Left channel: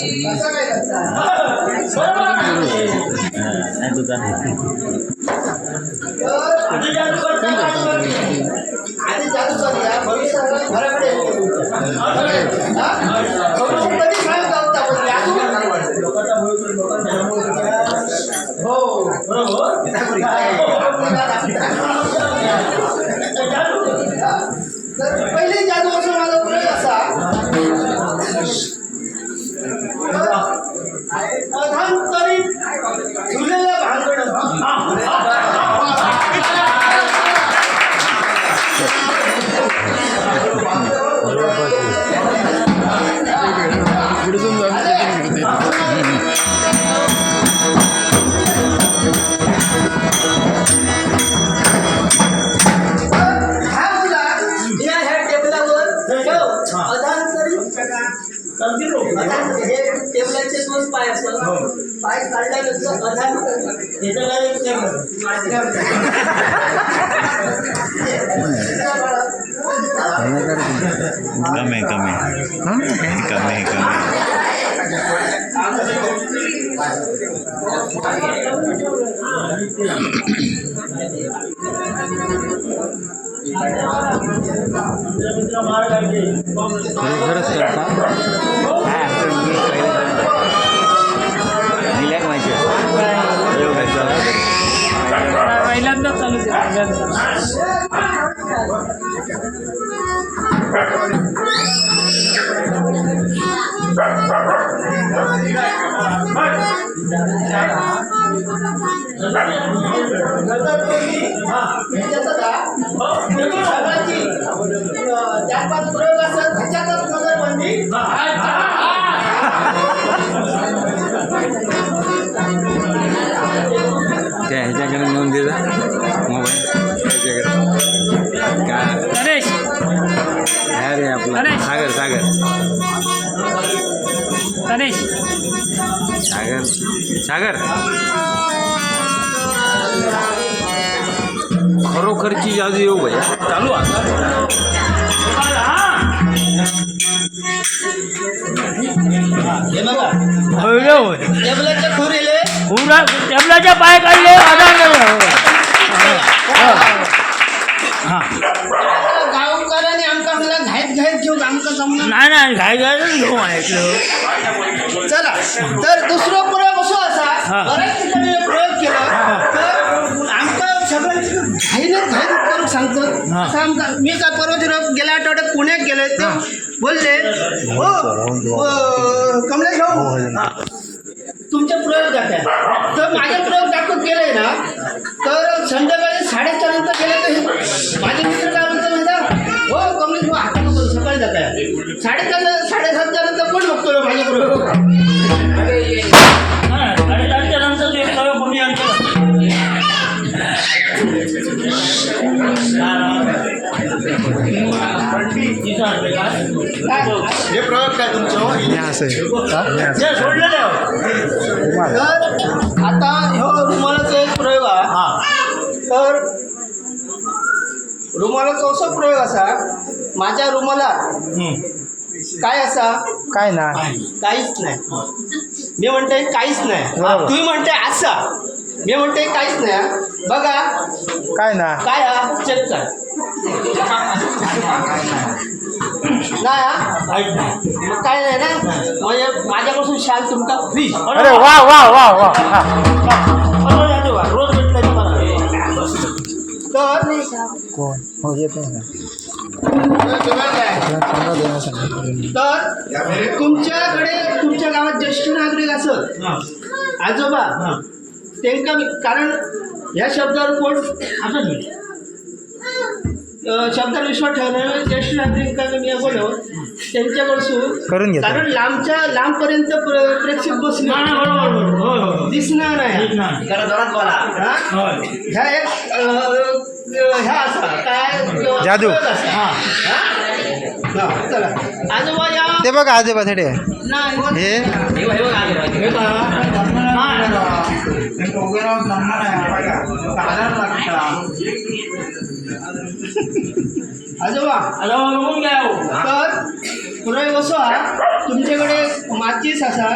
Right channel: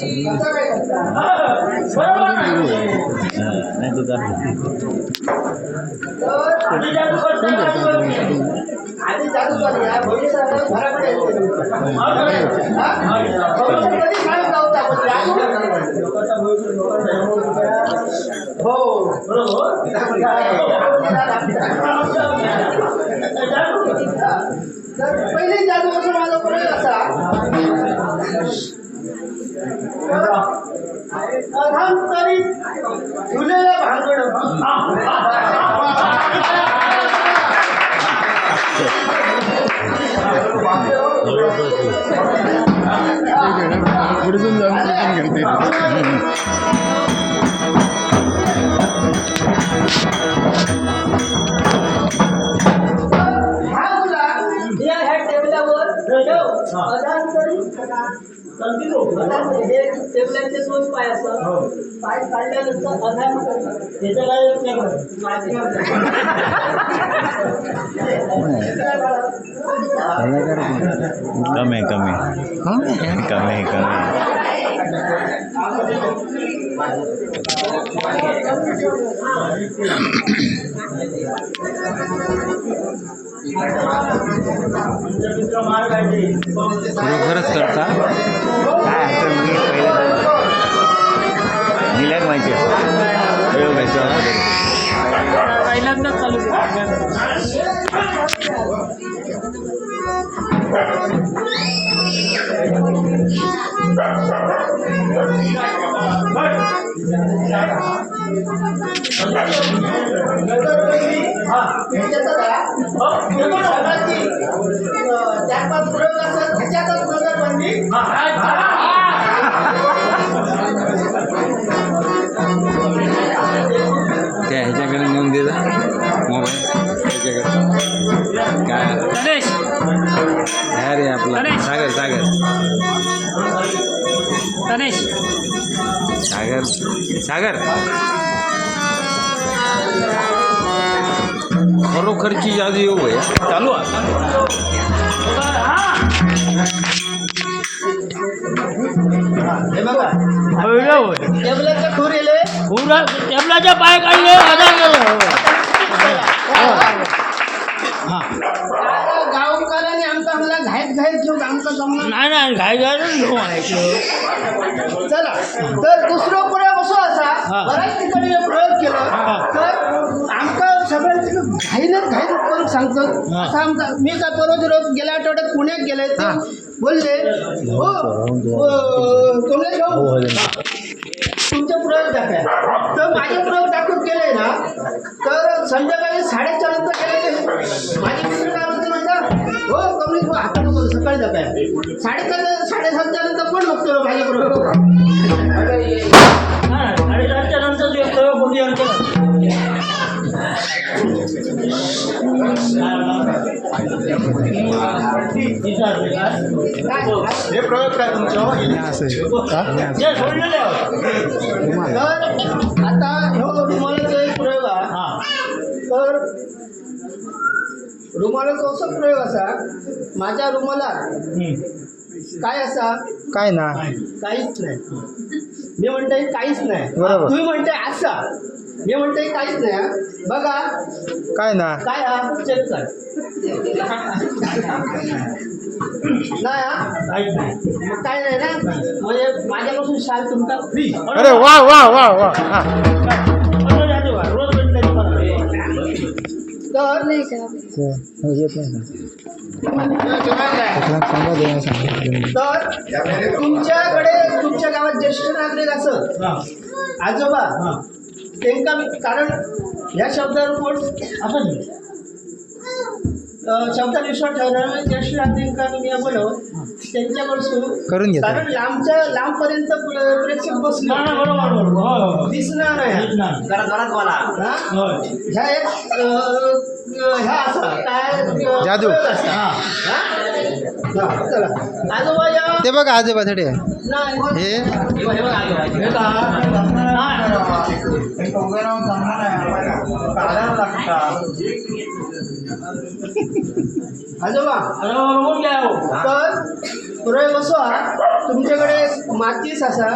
आधी जादू चालू आहे भविष्यात घराकडे हो पहिले जादू असं माझा प्रयोग असा अधांतरित झुलेला भांगड टेबलाचे दोन पाय असतात पाय काढल्यानंतर अधान कमी खरोखरच करता पहिल्यांदाच चालू चार-पाच प्रयोग असतात ह्याच्यातच नजरबंदी त्या ह्याच्याकडे नेऊन देता मोबाईल त्याच्याकडे काय रे आपला सागर सागर सागर सागर खरोखरची जादू येऊ भैया चालू हे बघा टेबलाचे खूर येले टेबलाचे पाय काढले गावकऱ्याने आमका मला घाईत घेऊन आमका जमलं नाही घाईत घेऊ ऐकलं चला तर दुसरं प्रयोग असं असा बऱ्याच ठिकाणी प्रयोग केला तर आमका सगळ्यांची घाईत करून सांगतो मी काय परवा गेल्या आठवड्यात पुण्यात गेले ते बोलले हो कमलेश भाऊ तुमचे प्रयोग दाखवा तर माझे प्रयोग दाखवून केले ना तर संध्याकाळी 4:30 नंतर गेले तर माझे मित्र काय म्हणतात म्हणतात हो कमलेश भाऊ आता नको सकाळी दाखवा 7:30 नंतर कोण बघतो माझे प्रयोग 7:30 नंतर ते प्रयोग कोणी आणतो हे प्रयोग काय तुमचं सोडलेले तर आता हो रुमालाचा एक प्रयोग आहे तर रुमालाचा असा प्रयोग असा माझ्या रुमालात काय असा काय ना काहीच नाही मी म्हणते काहीच नाही तुम्ही म्हणते असा मी म्हणते काहीच नाही बघा काय ना काय चेक कर नाही मग काय नाही ना म्हणजे माझ्यापासून शाल तुमका फ्री अरे वा वा वा वा रोज भेटलं तर कोण हो येत नाही तर तुमच्याकडे तुमच्या गावात ज्येष्ठ नागरिक असत आजोबा त्यांना कारण ह्या शब्दावर कोण असं शब्दावर विश्वास ठेवणारे ज्येष्ठ नागरिकांना मी बोलव त्यांच्याकडसून करून घ्या कारण लांबपर्यंत प्रेक्षक बसणार दिसणार नाही जरा जोरात बोला ह्या एक ह्या असा काय जादू चला आजोबा या ते बघा आजोबा थोडे हे आजोबा तर प्रयोग असो तुमच्याकडे माचीस असा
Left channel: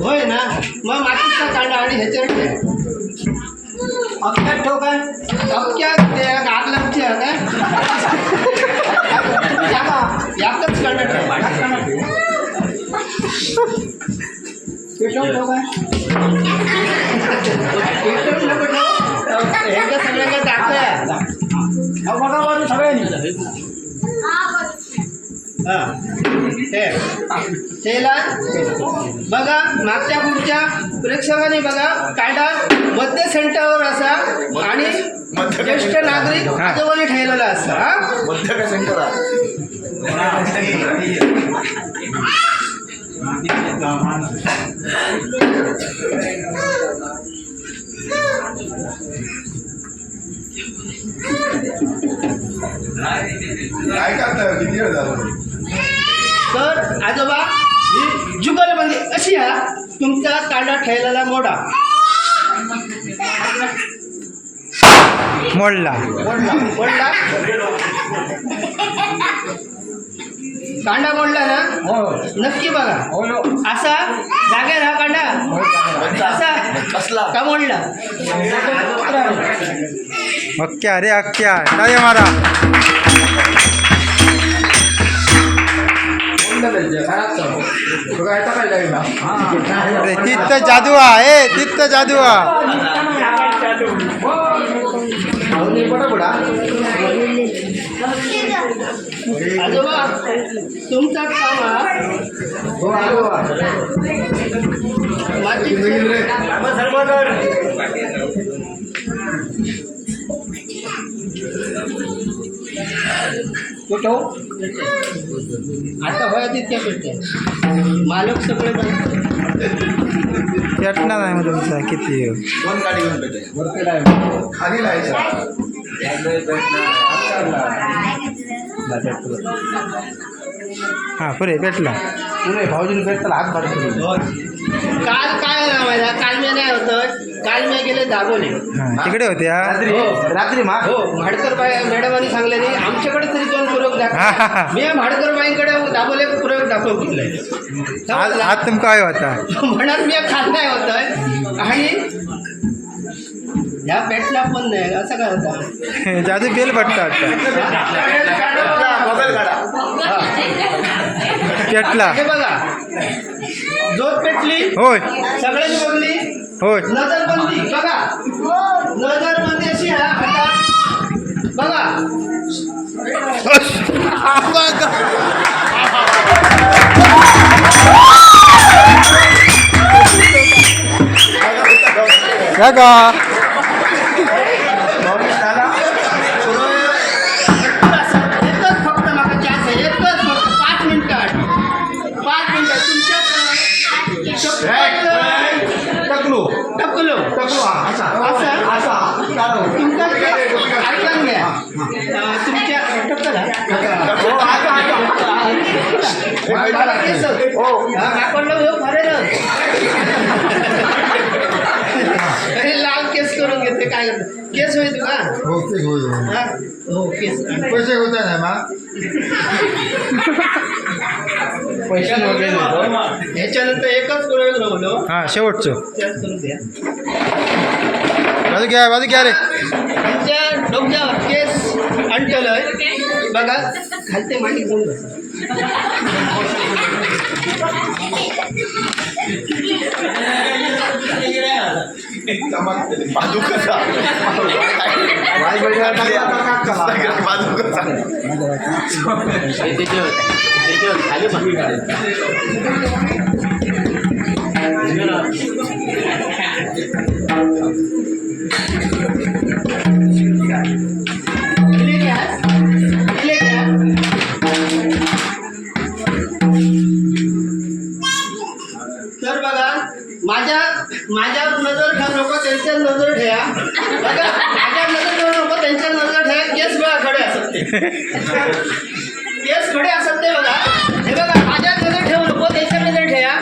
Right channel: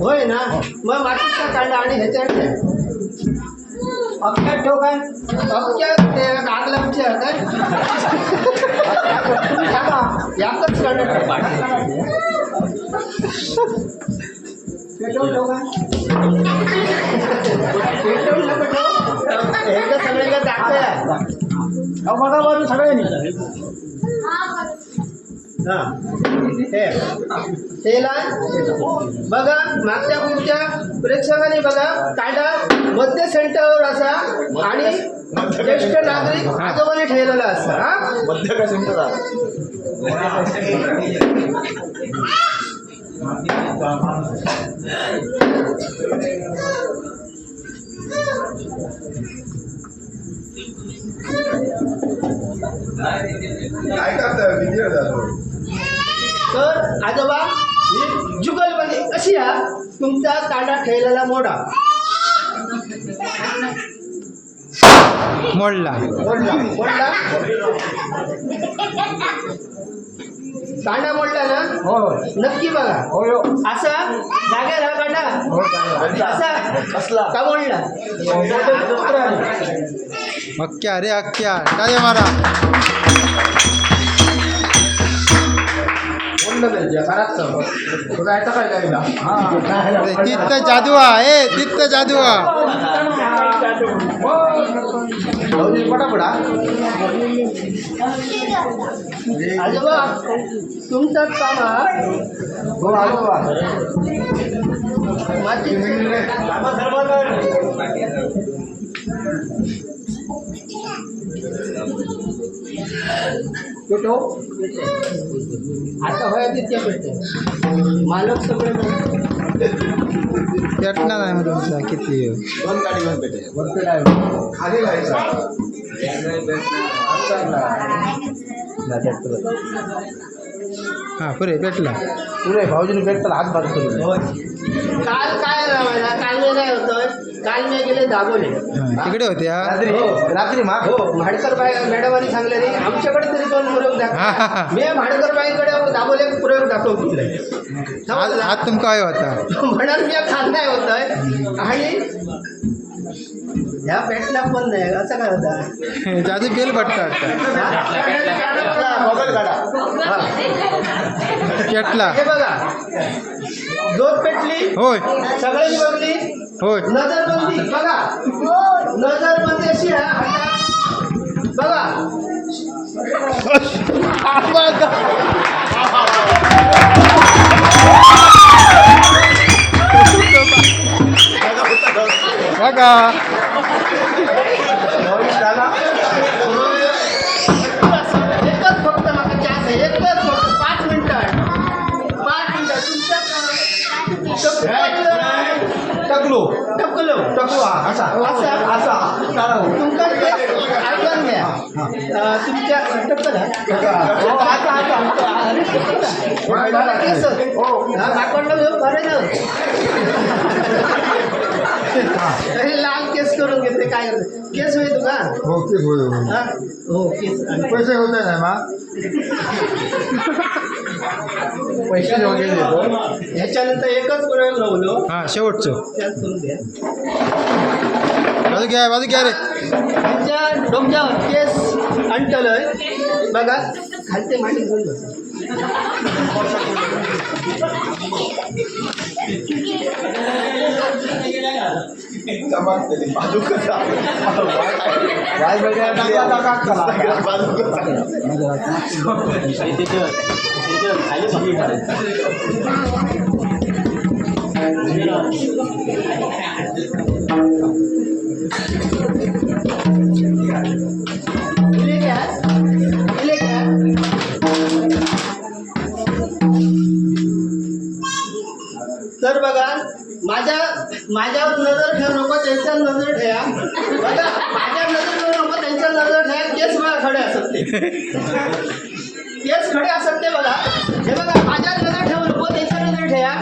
होय ना मग माचीसचा कांदा आणि ह्याच्यावर ठेव. अख्ख्यात ठेव काय अख्ख्यात ते आग लागते काय तुम्ही सांगा याकच कांदा ठेव पेटवून ठेव काय पेटवून नको ठेव एकदा सगळ्यांना दाखवूया बघा बाजू सगळ्यांनी तेला बघा मागच्या पुढच्या प्रेक्षकांनी बघा कांदा मध्य सेंटरवर असा आणि ज्येष्ठ नागरिक आजोबाने ठेवलेला असा हा मध्य सेंटर तर आजोबा ही जुगलबंदी अशी हा तुमचा कांदा ठेवलेला मोडा मोडला मोडला कांदा मोडला ना नक्की बघा असा जागेवर हा कांदा असा कसला का मोडला अख्ख्या रे अख्ख्या टाळे मारा अरे तीच तर जादू आहे तीच तर जादू आजोबा तुमचाच काम हा कुठं आता होया तितक्या पेटते मालक सगळं पेटणार नाही मग तुमचा किती दोन गाडी घेऊन भेटाय खाली हां पुरे पेटला पुरे भाऊजीने भेटताला हात भाड करून काल काय माहिती काल मी नाही होतं काल मी गेले दाबोले हां तिकडे होते हा रात्री मा हो भाडकर मॅडमांनी सांगले नाही आमच्याकडे तरी दोन प्रयोग दाखव मी भाडकर बाईंकडे दाबोले प्रयोग दाखवून घेतलाय आज तुमका काय होता म्हणून मी खात नाही होतं आणि ह्या पेटला पण नाही असं काय होता जादू बेल भट्टा आता मोबाईल काढा पेटला हे बघा जोत पेटली होय सगळ्यांनी बघली होय नजरबंदी बघा नजरबंदी अशी आहे आता बघा का एकच फक्त मागे चान्स आहे एकच फक्त 5 मिनिटात टकलो टकलो टकलो हा असा असं असा तुमचा ऐकून घ्या तुमच्या टक्कल अरे लाल केस करून घेते काय करत केस होईल का हो तेच होय हा? हो केस पैसे होत नाही मा पैसे वगैरे ह्याच्यानंतर एकच प्रयोग राहिलो हां शेवटचं त्याच करून द्या बाजू घ्या रे त्यांच्या डोक्यावर केस अंटलय बघा खालते मांडी घेऊन बसा बाजू कसा वाय बाजू कसा खाली तर बघा माझ्यावर नजर ठेवू नको त्यांच्यावर नजर ठेवा बघा माझ्यावर नजर ठेवू नको त्यांच्यावर नजर ठेवा केस बघा खडे असत ते केस खडे असत ते बघा हे बघा माझ्यावर नजर ठेवू नको त्यांच्यावर नजर ठेवा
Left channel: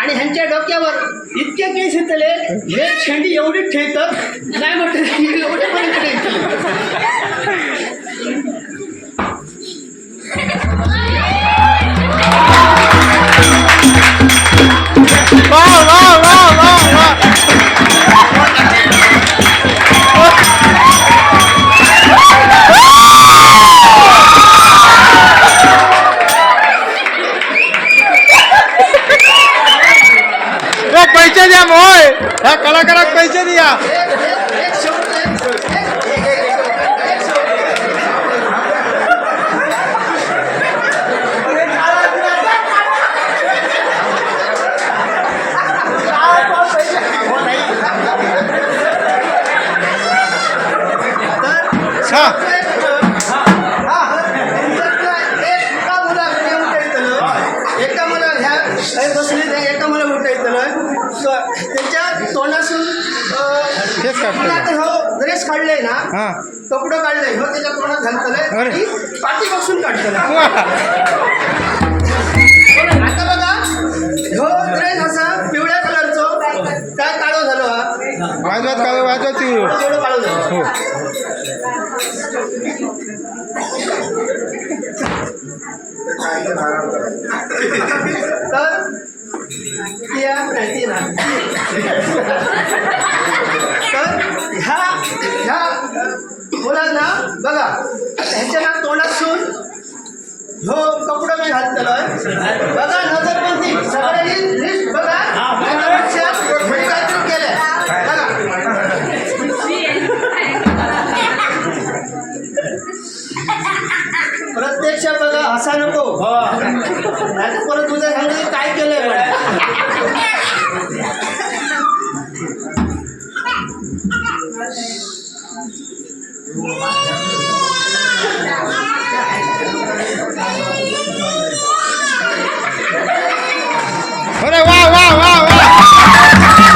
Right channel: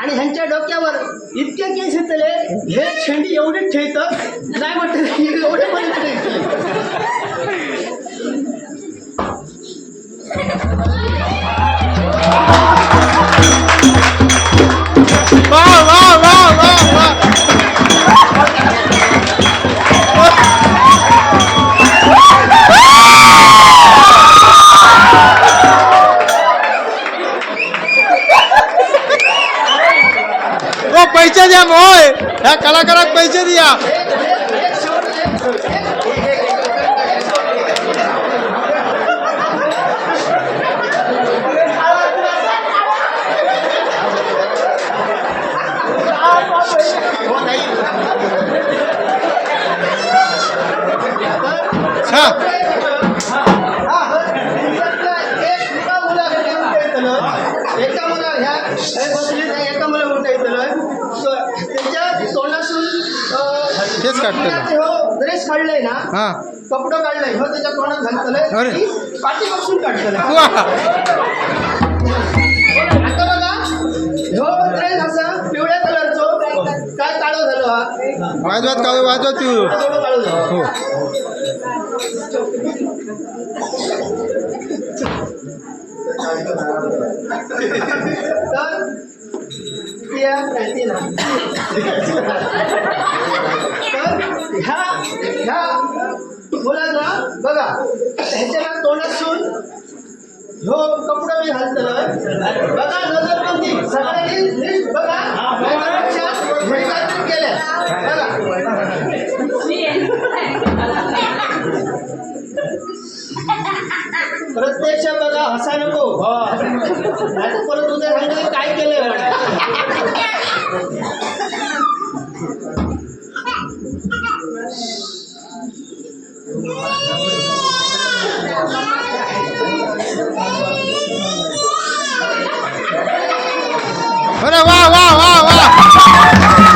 आणि ह्यांच्या डोक्यावर इतके केस येतले हे शेंडी एवढीच ठेवतं नाही म्हटलं एवढे पण ठेवतले ह्या कलाकाराक पैसे दिया. एक शेवट हा एका मला ह्या बसली एका मला उठता येतलं त्याच्या तोंडासून तेच काढतलं. हो ड्रेस काढलाय ना हा कपडं काढलंय हो त्याच्या तोंडात घालतलंय अरे. आणि पाठीपासून काढतलंय. वा. आता बघा हो ड्रेस असा पिवळ्या कलरचो काय काळो झालो हा वाजवत काढू वाजवत येऊ. थोडं काळो झालो. हो तर त्या प्रांतीना तर ह्या मुलांना बघा ह्याच्या ना तोंडातून हो कपडा मी घालतलोय बघा नजरबंदी सगळ्यांनी लिस्ट बघा लक्षात घरी काहीतरी केलंय बघा प्रत्यक्ष बघा हसा नको नाही तर परत उद्या सांगतो काय केलंय अरे वा वा वा वा.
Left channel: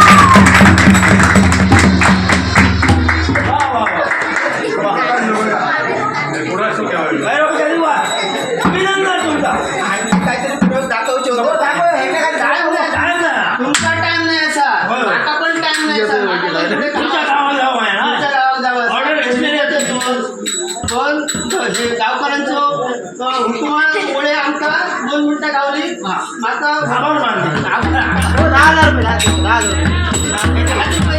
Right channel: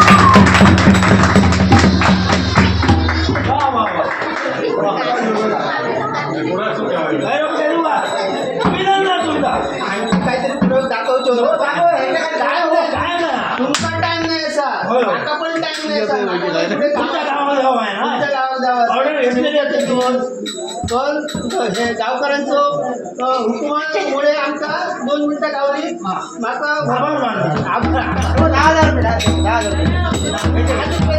काहीतरी प्रयोग दाखवचे होते तुमचा टाइम नाही असा आता पण टाइम नाही असा तुमच्या गावात जावं पण हे गावकऱ्यांचं हुकुमामुळे आमका 2 मिनिटं गावली माता 10,000 रुपये